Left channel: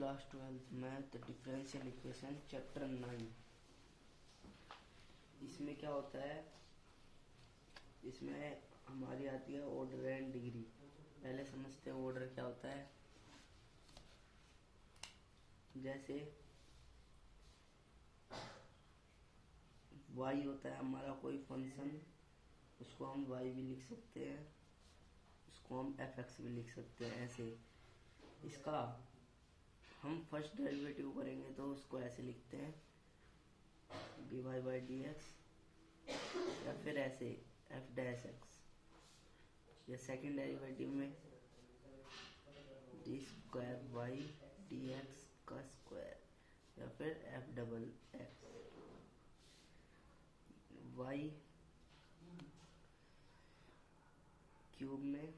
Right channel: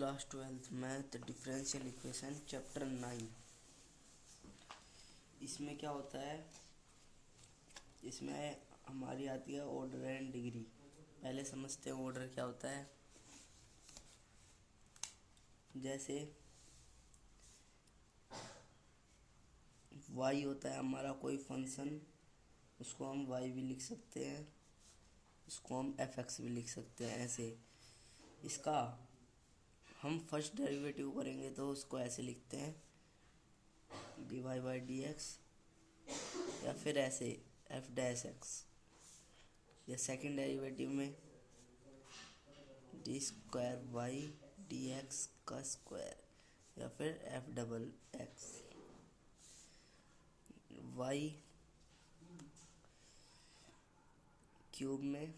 Class 12 math differential equation chapter 9। इसमें क्या होता है, इसमें हमारी आती है ऑर्डर एंड डिग्री। पहले समझते हैं ऑर्डर क्या होता है। जैसे y होता है हमारा कोई फंक्शन, उसको हम y भी लिख सकते हैं, इसको हम fx भी लिख सकते हैं। ऐसे इसका हम फर्स्ट डेरिवेटिव करेंगे तो उसको ऐसे लिखते हैं dy/dx, या फिर ऐसे f'(x). या सेकंड डेरिवेटिव में d²y/dx का स्क्वायर, या फिर f'(x). y क्यूब में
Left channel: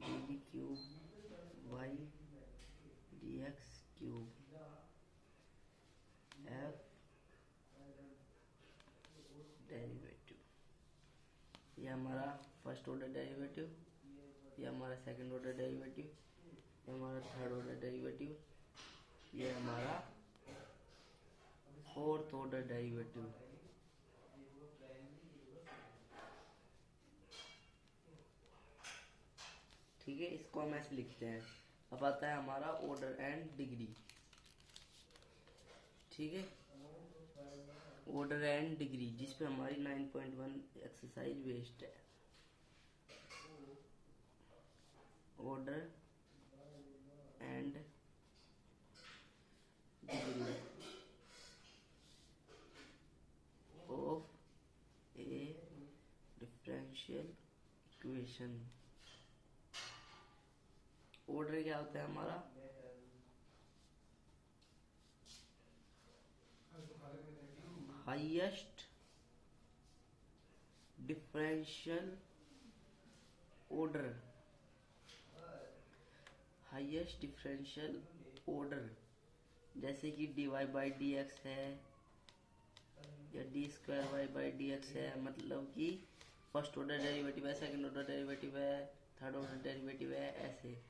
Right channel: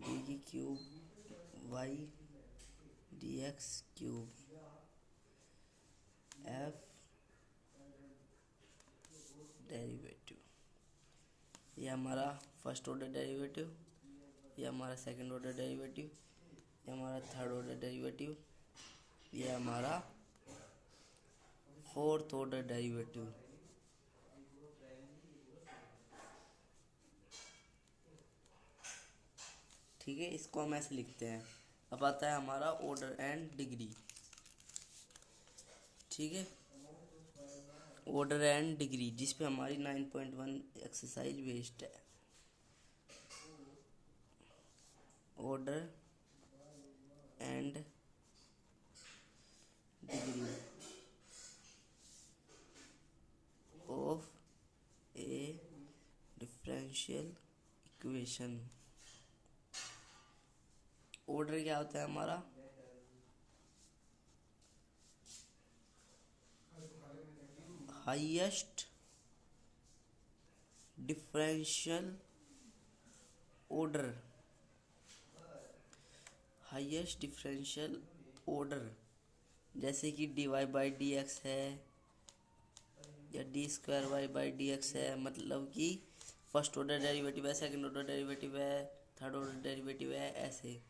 d³ y dx cube f derivative. ये हमारा फर्स्ट ऑर्डर डेरिवेटिव, ये हमारा सेकंड ऑर्डर डेरिवेटिव, ये हमारा थर्ड ऑर्डर डेरिवेटिव, ये हमारा फोर्थ ऑर्डर डेरिवेटिव। ठीक है, इसको हम ऐसे लिखते हैं। अब आता है हमारा ऑर्डर एंड डिग्री। ठीक है, ऑर्डर एंड डिग्री जिसपे हमारी 9.1 एक्सरसाइज बेस्ड है। Order and degree of A differential equation. Order क्या होता है हमारा, highest differential order. Highest differential order जैसे कि dy/dx है या d²y/dx है, मतलब कि फर्स्ट ऑर्डर डेरिवेटिव है, सेकंड ऑर्डर डेरिवेटिव है, थर्ड ऑर्डर डेरिवेटिव है, ऐसे।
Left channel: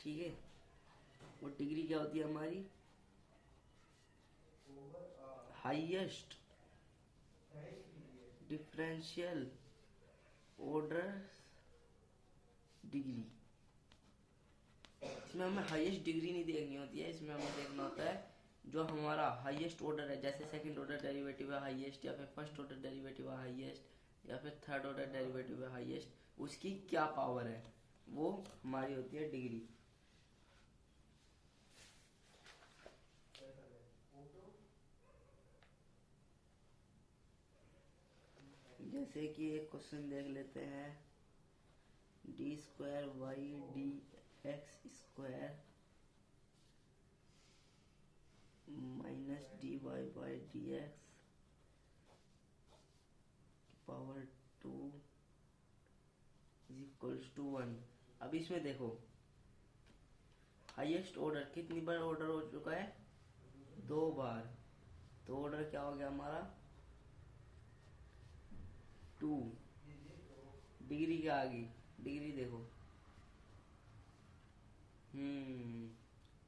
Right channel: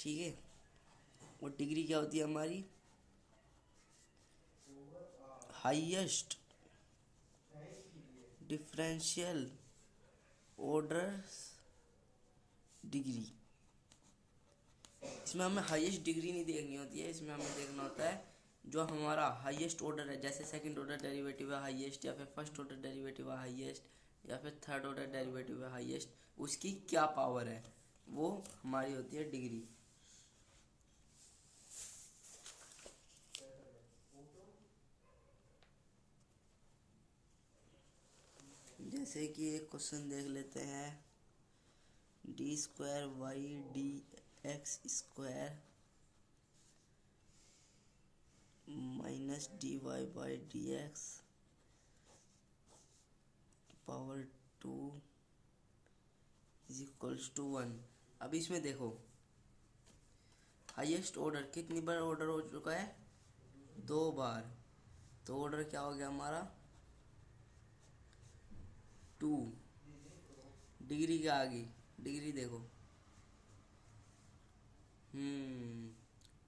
ठीक है, और डिग्री क्या होती है हमारी, हाईएस्ट डिफरेंशियल ऑर्डर डिग्री। इसमें हमें हाईएस्ट डिग्री नहीं देखनी होती है, इसमें हमें देखना होता है जो हमारा हाईएस्ट ऑर्डर है। जैसे सेकंड ऑर्डर डेरिवेटिव है हाईएस्ट, या फिर फर्स्ट ऑर्डर डेरिवेटिव है हाईएस्ट, या फिर थर्ड ऑर्डर डेरिवेटिव है हाईएस्ट, उसकी क्या पावर है, वो हमारी होती है डिग्री। जैसे कि एक क्वेश्चन देख लेते हैं, d²y/dx² minus dy/dx power 2 is equals to 1। अब इसमें देखो हाईएस्ट ऑर्डर कितनी बार ऑर्डर हो चुका है, 2 बार। तो ऑर्डर क्या हो गया हमारा, 2। डिग्री क्या आ गई, डिग्री देखो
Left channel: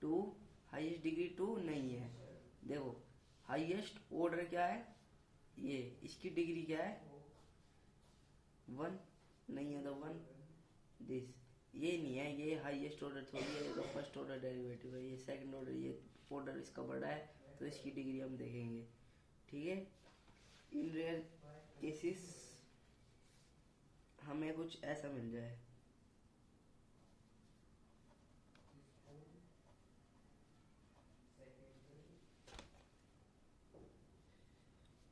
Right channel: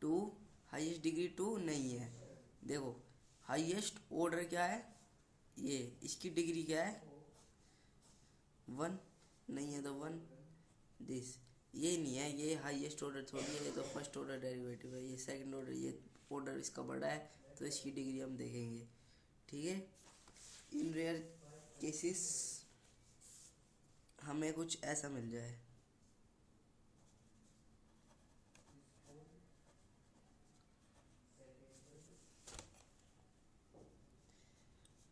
2। हाईएस्ट डिग्री 2 नहीं है। देखो हाईएस्ट ऑर्डर क्या है, ये इसकी डिग्री क्या है, 1 नहीं है, तो 1 दिस। ये नहीं है, ये हाईएस्ट ऑर्डर थोड़ी है, ये तो फर्स्ट ऑर्डर डेरिवेटिव है, ये सेकंड ऑर्डर, ये ऑर्डर इसका बड़ा है, तो इसकी डिग्री हम देखेंगे। ठीक है, इन रेयर केसेस हमें कुछ ऐसा मिल जाए,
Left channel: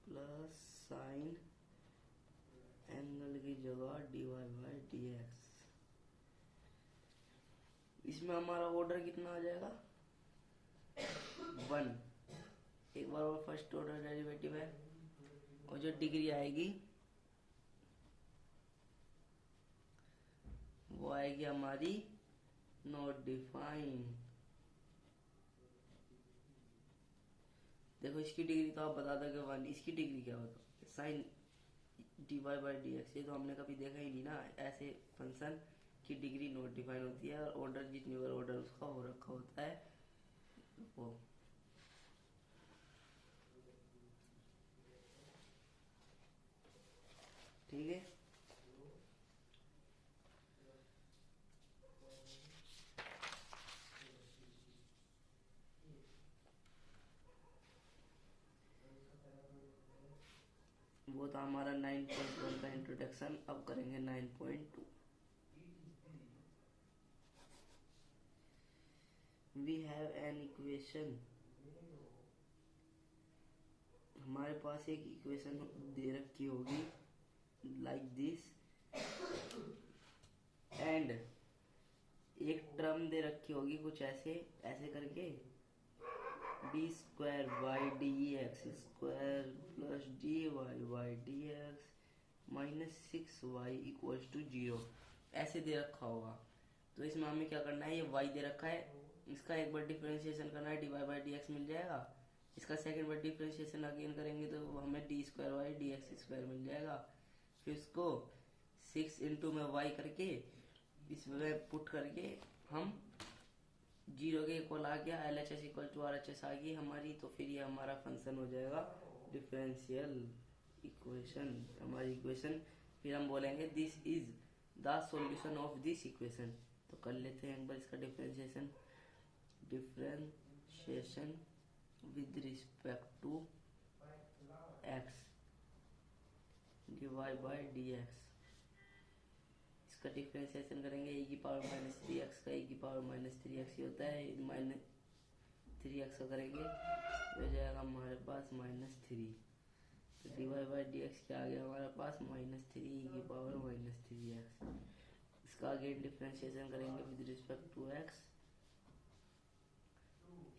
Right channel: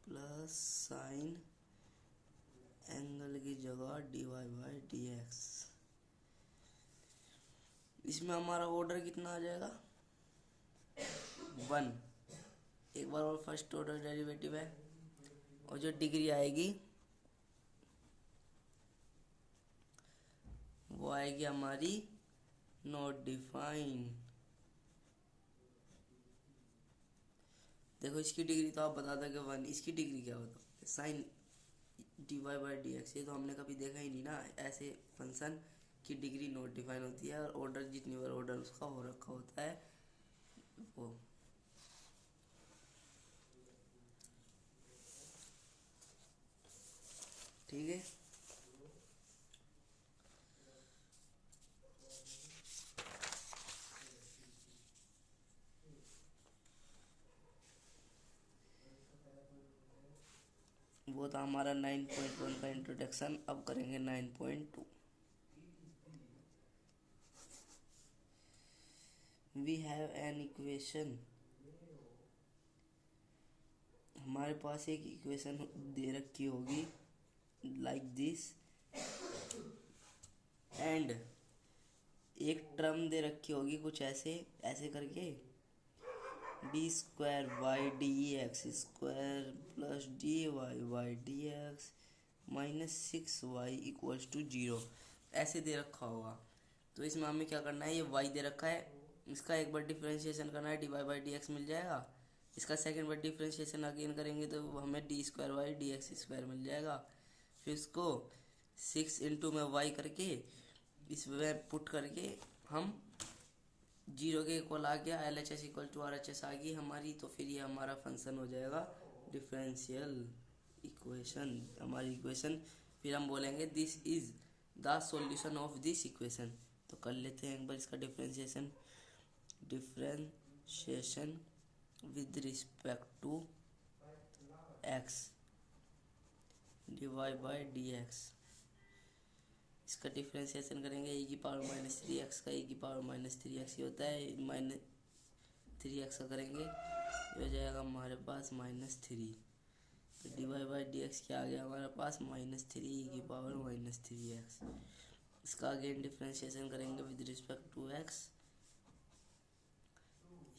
प्लस साइन एंगल की जगह dy/dx। इसमें हमारा ऑर्डर कितना आ जाएगा, 1। एक बार और फर्स्ट ऑर्डर डेरिवेटिव है, और जो डिग्री आएगी वो आएगी हमारी नॉट डिफाइन। देखो इसकी डिग्री तो आप बता दो कि 1, इसकी डिग्री क्या होता, साइन dy/dx। ये तो हमने कभी देखा ही नहीं ना ऐसे फंक्शन की डिग्री नॉट डिफाइन होती है, और ऑर्डर जितनी बार ऑर्डर उसका हो रखा होता है वो। ठीक है, वो था हमारा 9.1 का इंट्रोडक्शन। अब करेंगे 9.2। वी हैव एन इक्वेशन, हमारे पास एक इक्वेशन दे रखी होगी लाइक दिस, एंड एक टर्म दे रखी होगी कुछ ऐसे ऐसे करके, d square Y D x square plus d y y D x minus 6y equals to 0, ऐसे दे रखा होगा। तो इसमें हमें क्या करना है, ये y दे रखा है, इसका एक बार डिफरेंशिएशन करना है, D Y by D X मिल जाएगा। इसका सेकंड बार डिफरेंशिएशन अगेन करेंगे तो हमें D square Y D x square मिल जाएगा। फिर इसको 6 इंटू में y करके इसमें पुट करके हम 0 के इक्वल आ गया, L H S equal to R H S आ गई हमारी। तो फिर ये हमारा फंक्शन हो जाएगा डिफरेंशियल इक्वेशन, हमारी इक्वेशन। फिर हम बोलेंगे this is the solution of this equation. तो कर लेते हैं एक बार इसका differentiation. Differentiation with respect to x d Y by D x, इसका डिफरेंशिएशन करेंगे e की पावर माइनस 3x का, e की पावर माइनस 3x ही होता है, माइनस 3x का करेंगे हो जाएगा हमारे पास -3। तो d Y by D x क्या आ गया हमारे पास -3 e की पावर -3x। इसका अगेन डिफरेंशिएशन करेंगे विद रिस्पेक्ट टू x,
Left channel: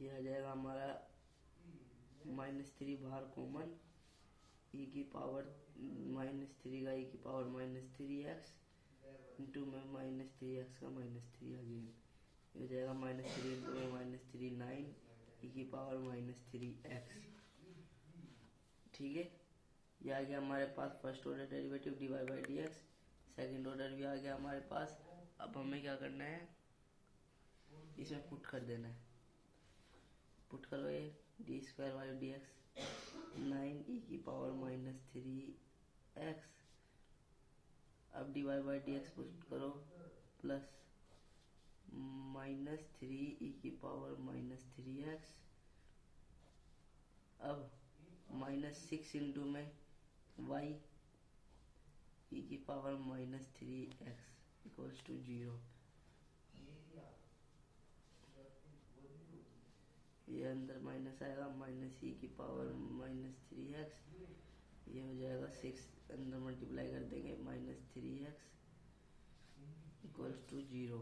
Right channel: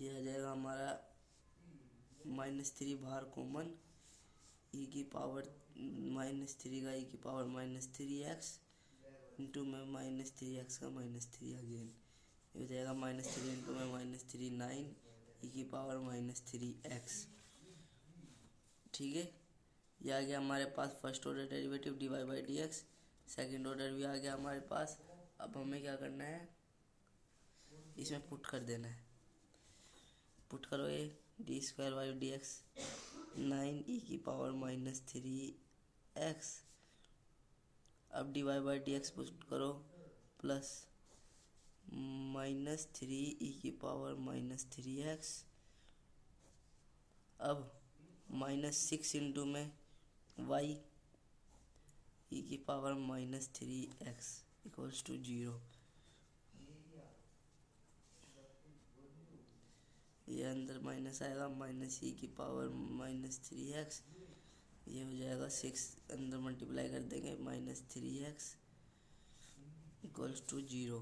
ये आ जाएगा हमारा -3 बाहर कॉमन, e की पावर -3 का e की पावर -3x इंटू में -3x का -3 अगेन, ये हो जाएगा -3 इंटू में -3 9 e की पावर -3x। ठीक है, ये आ गया हमारे पास first order derivative D Y by D X. Second order भी आ गया हमारे पास। अब हमें क्या करना है, इसमें पुट कर देना है। पुट करो ये d square Y D x 9 e की पावर -3x, अब d Y by D x put करो प्लस -3 e की पावर -3x, अब -6 इंटू में y e की पावर -3x इक्वल्स टू 0। ये अंदर माइनस आएगा, -e की पावर -3x, ये हो जाएगा 6 अंदर मल्टीप्लाई कर देंगे -3x इक्वल्स टू 0।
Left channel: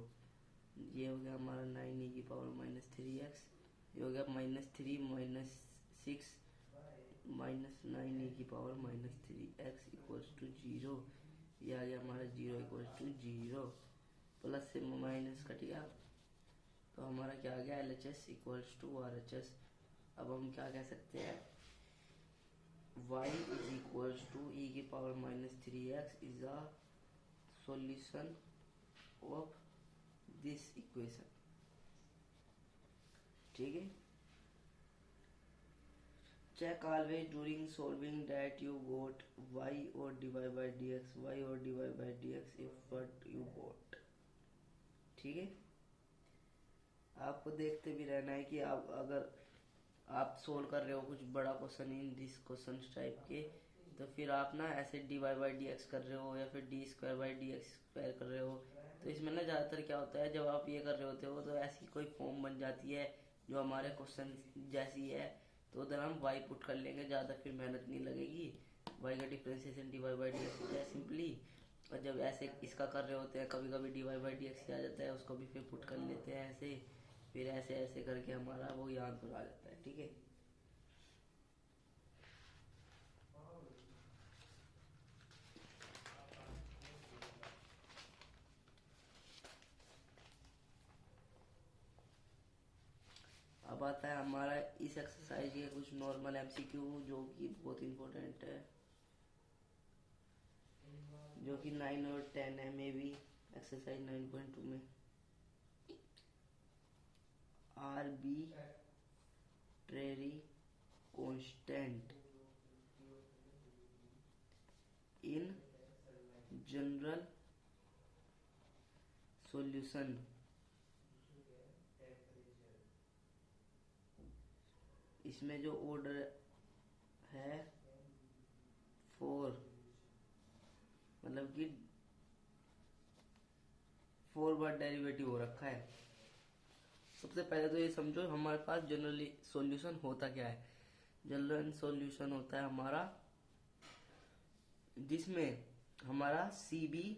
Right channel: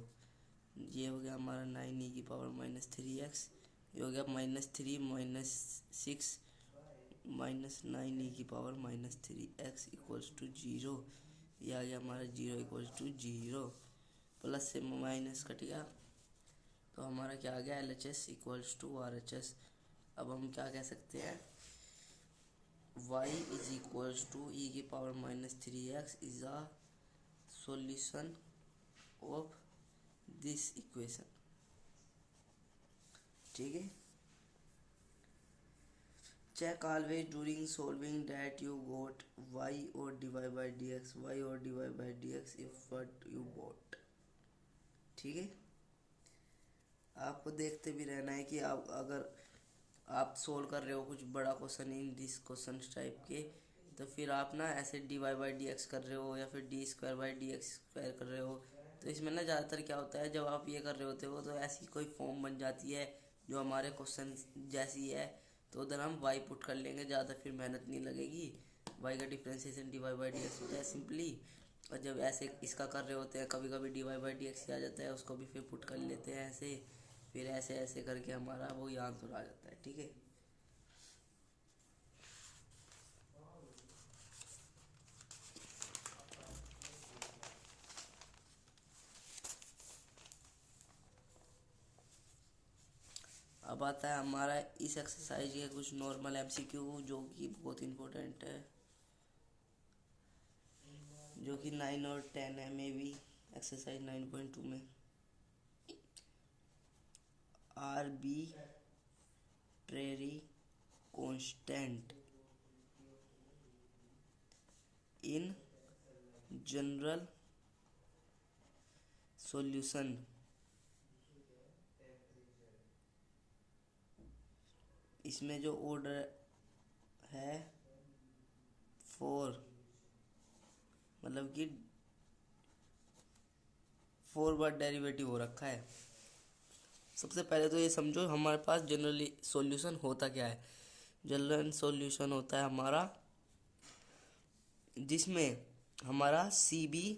ये हो गया हमारा 9 e की पावर -3x, ये हो गया -3 -6 -9 e की पावर -3x इक्वल्स टू 0। ये आ गया हमारा 0 इक्वल्स टू 0, प्लस से माइनस कट गया तो हमारा क्या आ गया, L H S equals to R H S. अब हम क्या कह सकते हैं, y is equals to e की power -3x is a solution of this equation. ठीक है, check always during solving that you got y और d Y by D x, y और d Y by D x if what you got. ठीक है, आपको देखते भी रहना है कि आप अगर आप सोल्व कर रहे हो कुछ बड़ा question in this question type के, तो फिर आप ना ऐसे d Y by D x कर रहे हो या फिर d square by D x square कर रहे हो, तो इसमें ना ज़्यादातर क्या होता है, जब आप ये कर रहे होते हो तो ऐसी कोई फॉर्म बन जाती है जो हमारे क्वेश्चन जैसी है, तो उधर हम वाई पुट कर लेंगे, ज़्यादा फिर मेहनत नहीं लगेगी। वाई का differentiation d Y by D x होता है सिंपली, और जब ऐसे इसका कर रहे होते हैं कभी कभी D Y by D X आ जाता है, उसको भी फिर पुट कर लेते हैं ऐसे, फिर ऐसे ऐसे करके हमारा वो आंसर आ जाता है। ठीक है, अब आता है हमारा इस एक्सरसाइज के कुछ नॉर्मल एमसीक्यू जो कि बहुत इम्पोर्टेंट है, जो कि 9 और 10 में भी एक्सरसाइज 9.2 में arbitrary constant in general solution इसमें जो ऑर्डर है 4, मतलब कि 4 बार डेरिवेटिव हो रखा है। सबसे पहले तो ये समझो हमारे पास जनरली सॉल्यूशन होता क्या है। जनरल सॉल्यूशन होता है हमारा जिसमें हमारा सी बी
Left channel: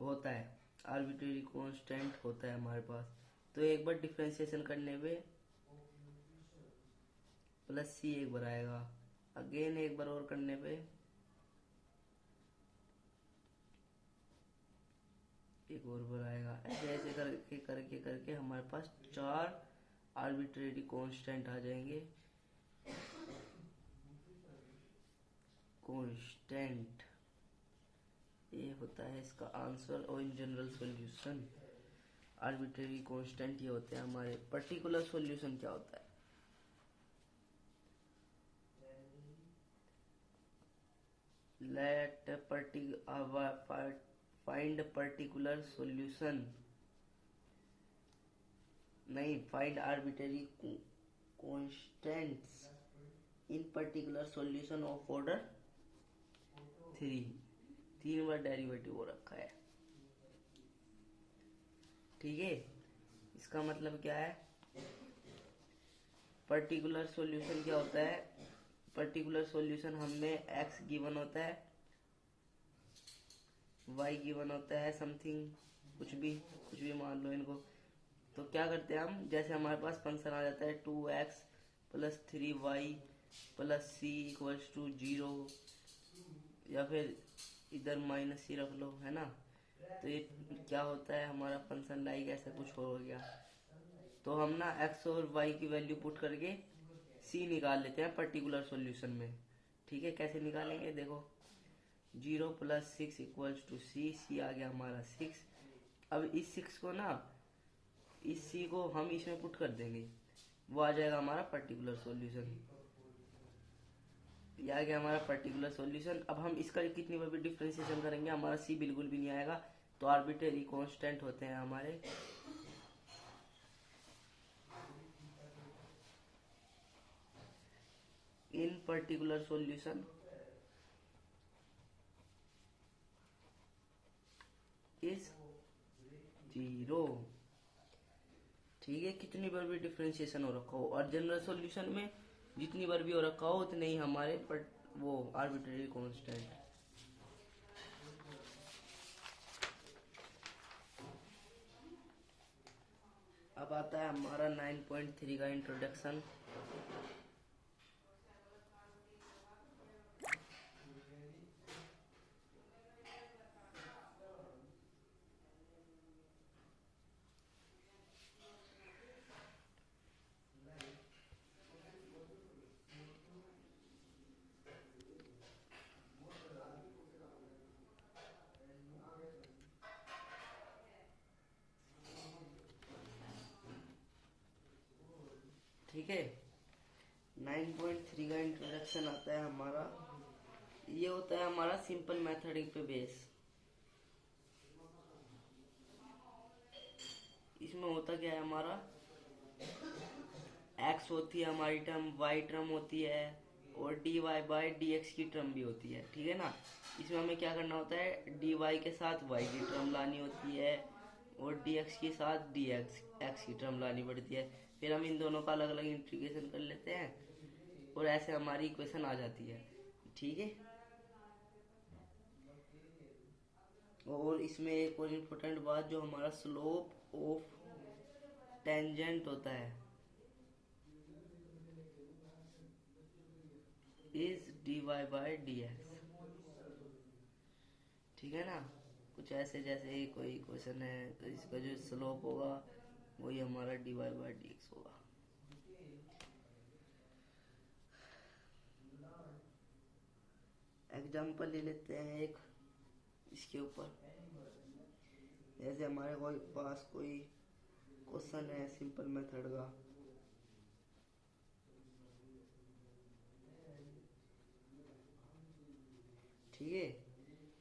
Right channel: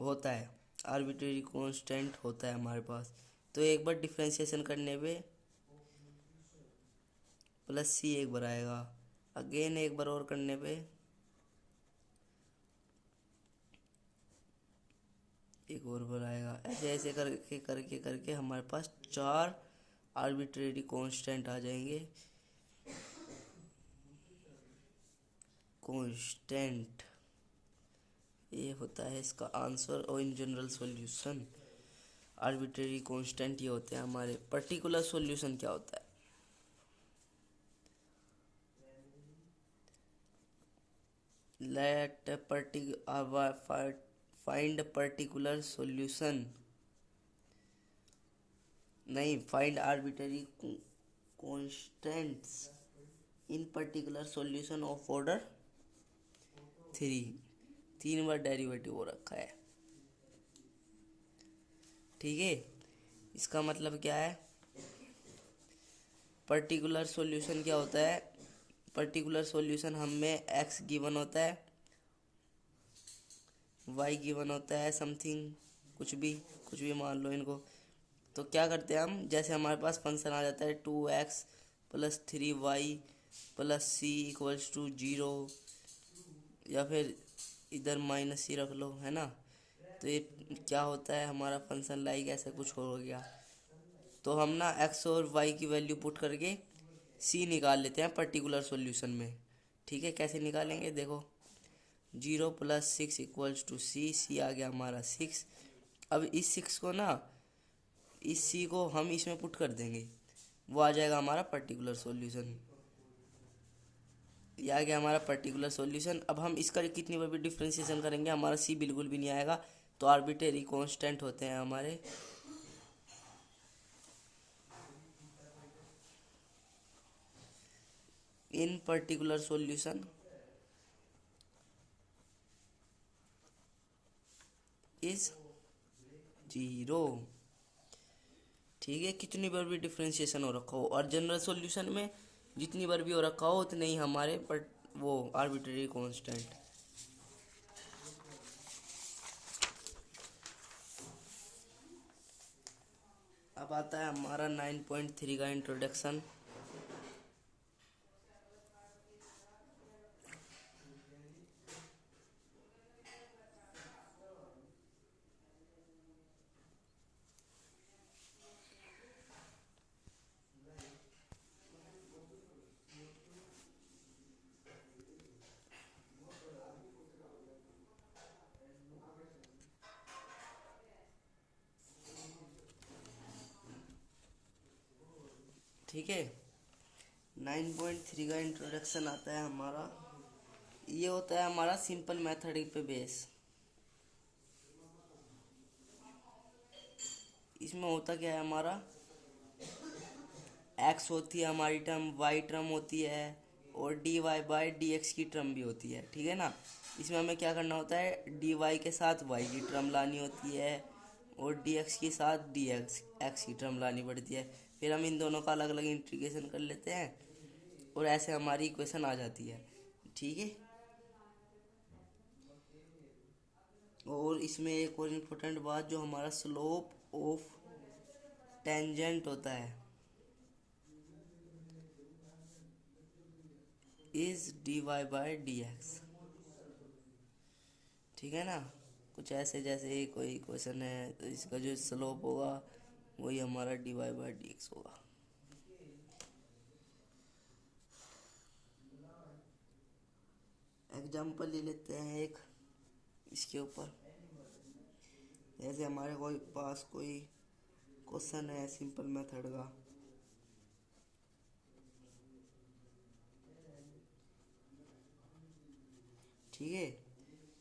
होता है, आर्बिट्रेरी कांस्टेंट होता है हमारे पास। तो एक बार डिफ्रेंशिएशन करने पे प्लस सी एक बार आएगा, अगेन एक बार और करने पे एक और बार आएगा। ऐसे ऐसे करके करके करके हमारे पास 4 आर्बिट्रेरी कांस्टेंट आ जाएंगे। कांस्टेंट ये होता है इसका आंसर। और in general solution arbitrary constant ये होते हैं हमारे। पर्टिकुलर सॉल्यूशन क्या होता है? लेट फाइंड पर्टिकुलर सॉल्यूशन, नहीं, find arbitrary constants in particular solution of order 3। 3 bar derivative हो रखा है, ठीक है। इसका मतलब क्या है? पर्टिकुलर सॉल्यूशन क्या होता है? पर्टिकुलर सॉल्यूशन हमें x गिवन होता है, y गिवन होता है, समथिंग कुछ भी मान लो इनको। तो क्या करते हैं हम, जैसे हमारे पास फंक्शन आ जाता है 2x + 3y + c = 0, या फिर इधर -c रख लो, है ना। तो ये क्या होता है हमारा फंक्शन लाइक ऐसा कुछ हो गया। तो हम ना x और y की वैल्यू पुट करके c निकाल लेते हैं पर्टिकुलर सॉल्यूशन में, ठीक है। कैसे निकालेंगे देखो, 0 + 6 = c आ गया हमारा 6। अब इस 6 को ना, इस c को हम इसमें पुट कर देंगे, वो आ जाएगा हमारा पर्टिकुलर सॉल्यूशन। ये आ गया हमारा पर्टिकुलर सॉल्यूशन। अब हम इसका कितनी बार भी डिफ्रेंशिएशन करेंगे हमारा c बिल्कुल भी नहीं आएगा। तो आर्बिट्रेरी कांस्टेंट होते हैं हमारे इन पर्टिकुलर सॉल्यूशन इज 0, ठीक है। कितनी बार भी डिफ्रेंशिएशन हो रखा हो, और जनरल सॉल्यूशन में जितनी बार भी हो रखा हो उतने ही हमारे वो आर्बिट्रेरी कांस्टेंट। अब आता है हमारा 9.3 का इंट्रोडक्शन। ठीक है, 9.3 का इंट्रोडक्शन आता है हमारा। ये होता है हमारा सिंपल मैथड पे बेस। इसमें होता क्या है हमारा, x होती है हमारी टर्म, y टर्म होती है, और dy/dx की टर्म भी होती है, ठीक है ना। इसमें हमें क्या करना होता है, dy के साथ y की टर्म लानी होती है, और dx के साथ x की टर्म लानी पड़ती है। फिर हम इन दोनों का अलग अलग इंटीग्रेशन कर लेते हैं, और ऐसे हमारी इक्वेशन आ जाती है, ठीक है। और इसमें एक और इम्पोर्टेंट बात, जो हमारा स्लोप ऑफ टेंजेंट होता है इज dy/dx, ठीक है ना। कुछ ऐसे जैसे ही कोई क्वेश्चन है तो इसका जो स्लोप होगा वही हमारा dy/dx होगा। एग्जाम्पल ले लेते हैं एक इसके ऊपर। जैसे हमारे कोई पास कोई क्वेश्चन है सिंपल मेथड का, ठीक है।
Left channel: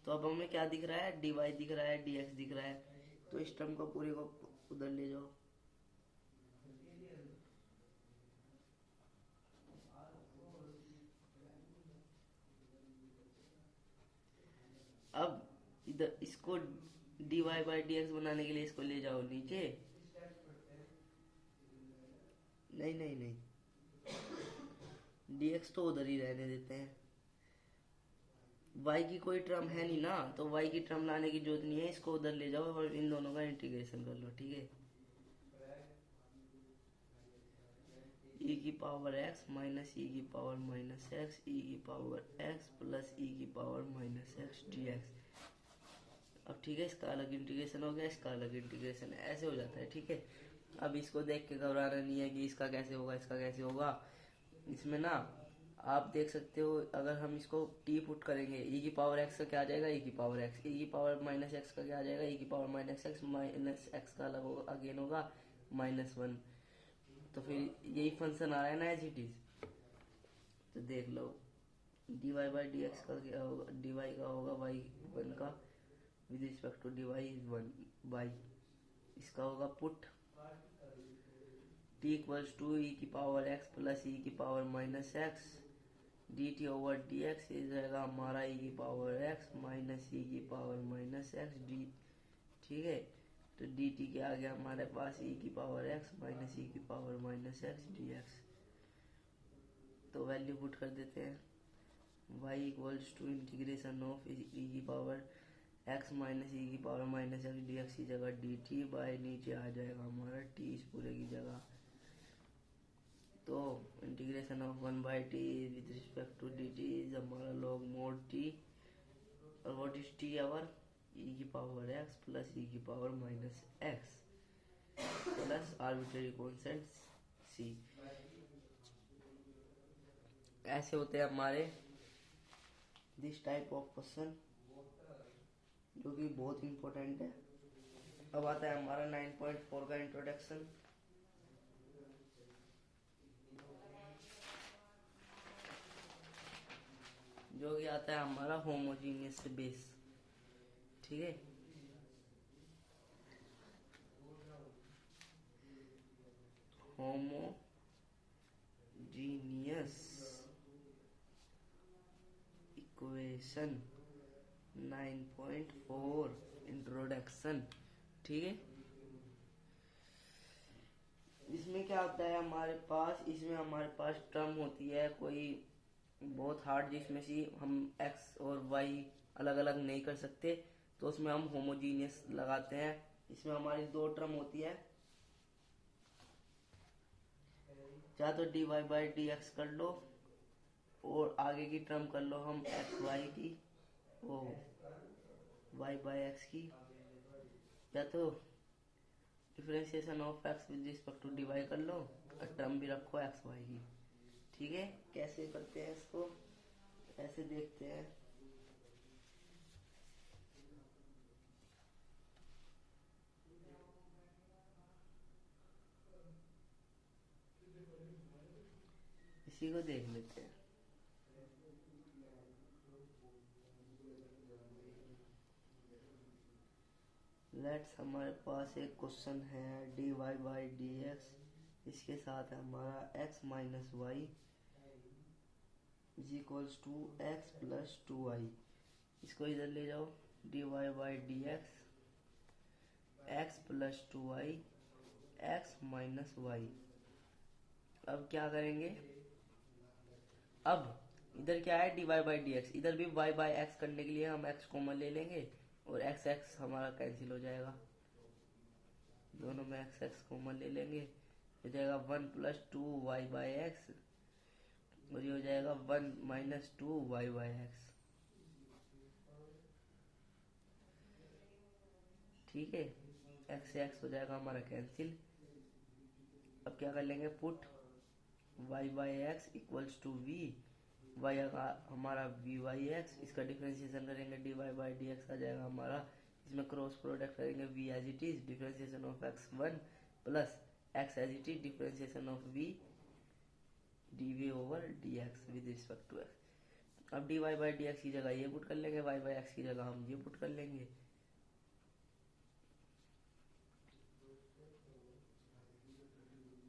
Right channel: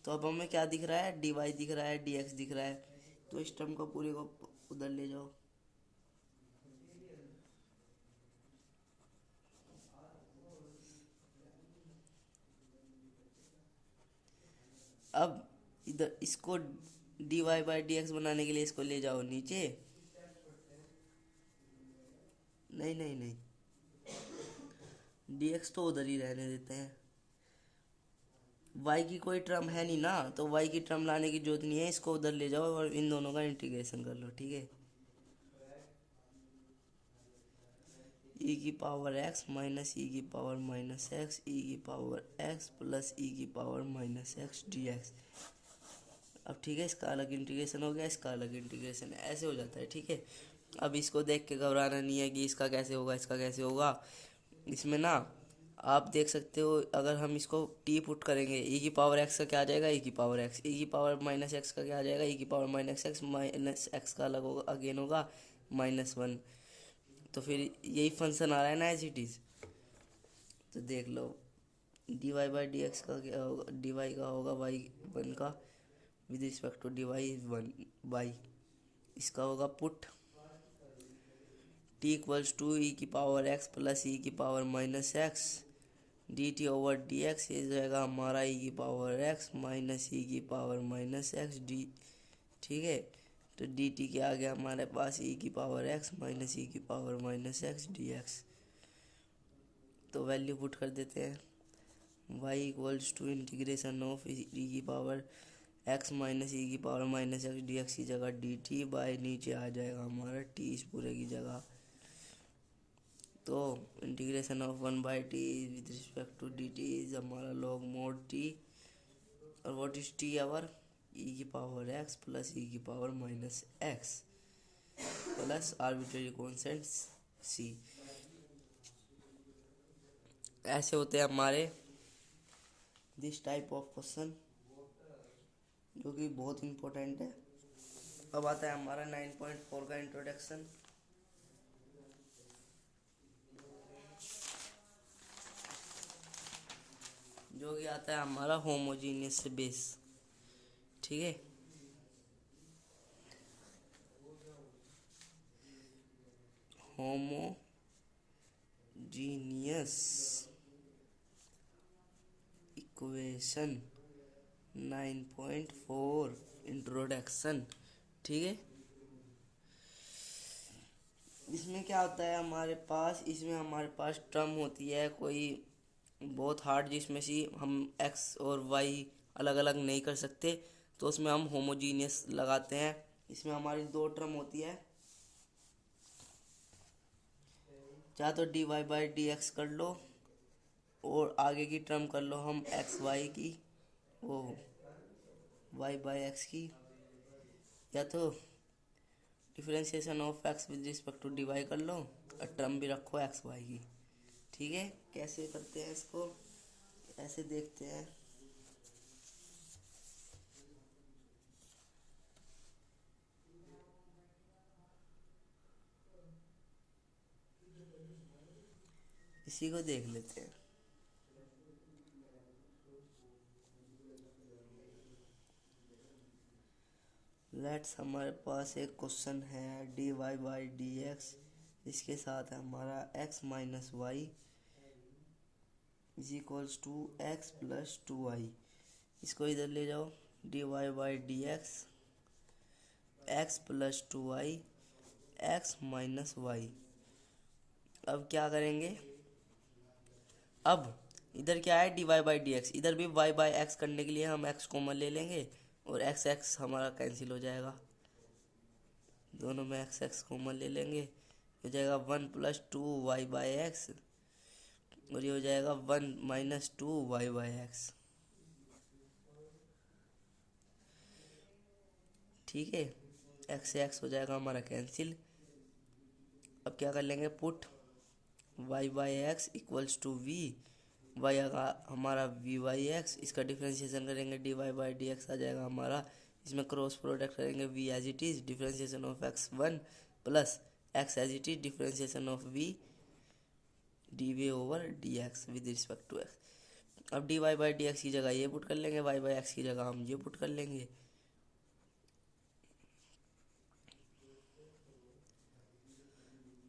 तो अब हमें क्या दिख रहा है, dy दिख रहा है, dx दिख रहा है, तो इस टर्म को पूरे को उधर ले जाओ। अब इधर इसको dy बाई dx बनाने के लिए इसको ले जाओ नीचे। नहीं नहीं नहीं, dx तो उधर ही रहने देते हैं, y की कोई टर्म है नहीं ना, तो y की टर्म लाने की जरूरत नहीं है, इसको उधर ले जाओ और इन दोनों का इंटीग्रेशन कर लो, ठीक है। e की पावर x माइनस ई की पावर माइनस एक्स, ई की पावर x प्लस ई की पावर माइनस एक्स dx। अब ठीक है, इसका अलग इंटीग्रेशन हो गया, इसका अलग इंटीग्रेशन है, ऐसे हो जाता है, ठीक है। अब इसको देख के घबराना नहीं है कि इसका कैसे होगा, इसका कैसे होगा। इसमें ना आप देख सकते हो, अगर हम इसको टी पुट करेंगे, ई की पावर एक्स का क्या आ जाएगा, ई की पावर एक्स, ई की पावर माइनस एक्स का क्या आ जाएगा, ई की पावर माइनस एक्स का अलग होगा, अगेन होगा -1। तो फिर यही फंक्शन आ रहा है ना एज इट इज़। तो देख लो, D Y by D X का क्या होगा, डी वाई का होगा y1 का with respect to D Y 1 by, इसका होगा put t equals to E की पावर x प्लस ई की power minus X D T over D X, ये जाएगा हमारा ई की पावर x माइनस ई की पावर माइनस एक्स डी, ठीक है। तो डी टी के आ गया हमारे पास ई की पावर x माइनस ई की power minus X D X. तो वैल्यू पुट कर देते हैं, y equals to integration of E की पावर x माइनस ई की power minus X D X की जगह डी टी बाई नीचे आ जाएगा हमारा t इस पूरे की जगह। तो integration of 1/t with respect to d t is हमारा लॉग मोड t, और what is t our e की पावर x प्लस e की power minus x plus arbitrary constant c। ऐसे होते हैं हमारे दिस टाइप ऑफ क्वेश्चन, जो कि बहुत इम्पोर्टेंट है। अब आता है हमारा 9.4 का इंट्रोडक्शन। जो कि आता है हमारा होमोजीनियस बेस, ठीक है। होमोजीनियस इक्वेशन 9.4 इंट्रोडक्शन, ठीक है। इसमें क्या होता है हमारे पास, इसमें हमारे पास टर्म होती है कोई बहुत हार्ड, जिसमें से हम x और y अलग अलग नहीं कर सकते, तो उसमें हम होमोजीनियस लगाते हैं। इसमें हमारी दो टर्म होती है, चाहे तो d Y by D x कर लो और आगे की टर्म कर लो हम एक्स वाई की, वो वाई बाई एक्स की, या तो differentiation of x with respect to D y कर लो और टर्म भी रखो एक्स वाई की, ठीक है। कैसे करते हैं इसको, ऐसे देखते हैं। इसी को देख लेते हैं। लेट्स हमारे पास एक क्वेश्चन है D Y by D x, इसके साथ है हमारा x minus y is equals to x plus two y. इसको इधर ले जाओ, d Y by D x x plus two y x minus y. अब क्या करेंगे, अब इधर क्या है D Y by D x, इधर भी वाई बाई एक्स करने के लिए हम एक्स कॉमन ले लेंगे और एक्स एक्स हमारा कैंसिल हो जाएगा, दोनों में एक्स एक्स कॉमन ले लेंगे, हो जाएगा 1 plus two y by x, और ये हो जाएगा 1 minus two y by x, ठीक है। एक्स से एक्स हो जाएगा हमारा कैंसिल। अब क्या कर लेंगे, put Y by X equals to V, Y आएगा हमारा वी बाई एक्स, इसका डिफ्रेंशिएशन करेंगे D Y by D X आ जाएगा हमारा इसमें क्रॉस प्रोडक्ट करेंगे v as it is differentiation of x1 plus x as it is differentiation of v dy over dx with respect to x। अब dy by D X की जगह ये put कर लेंगे, y बाई एक्स की जगह हम ये पुट कर लेंगे।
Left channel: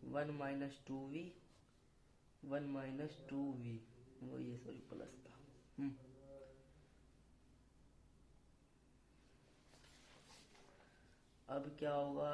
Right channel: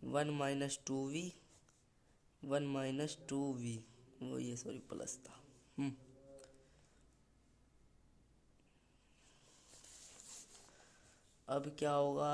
वन माइनस टू वी वो ये सॉरी प्लस था। अब क्या होगा,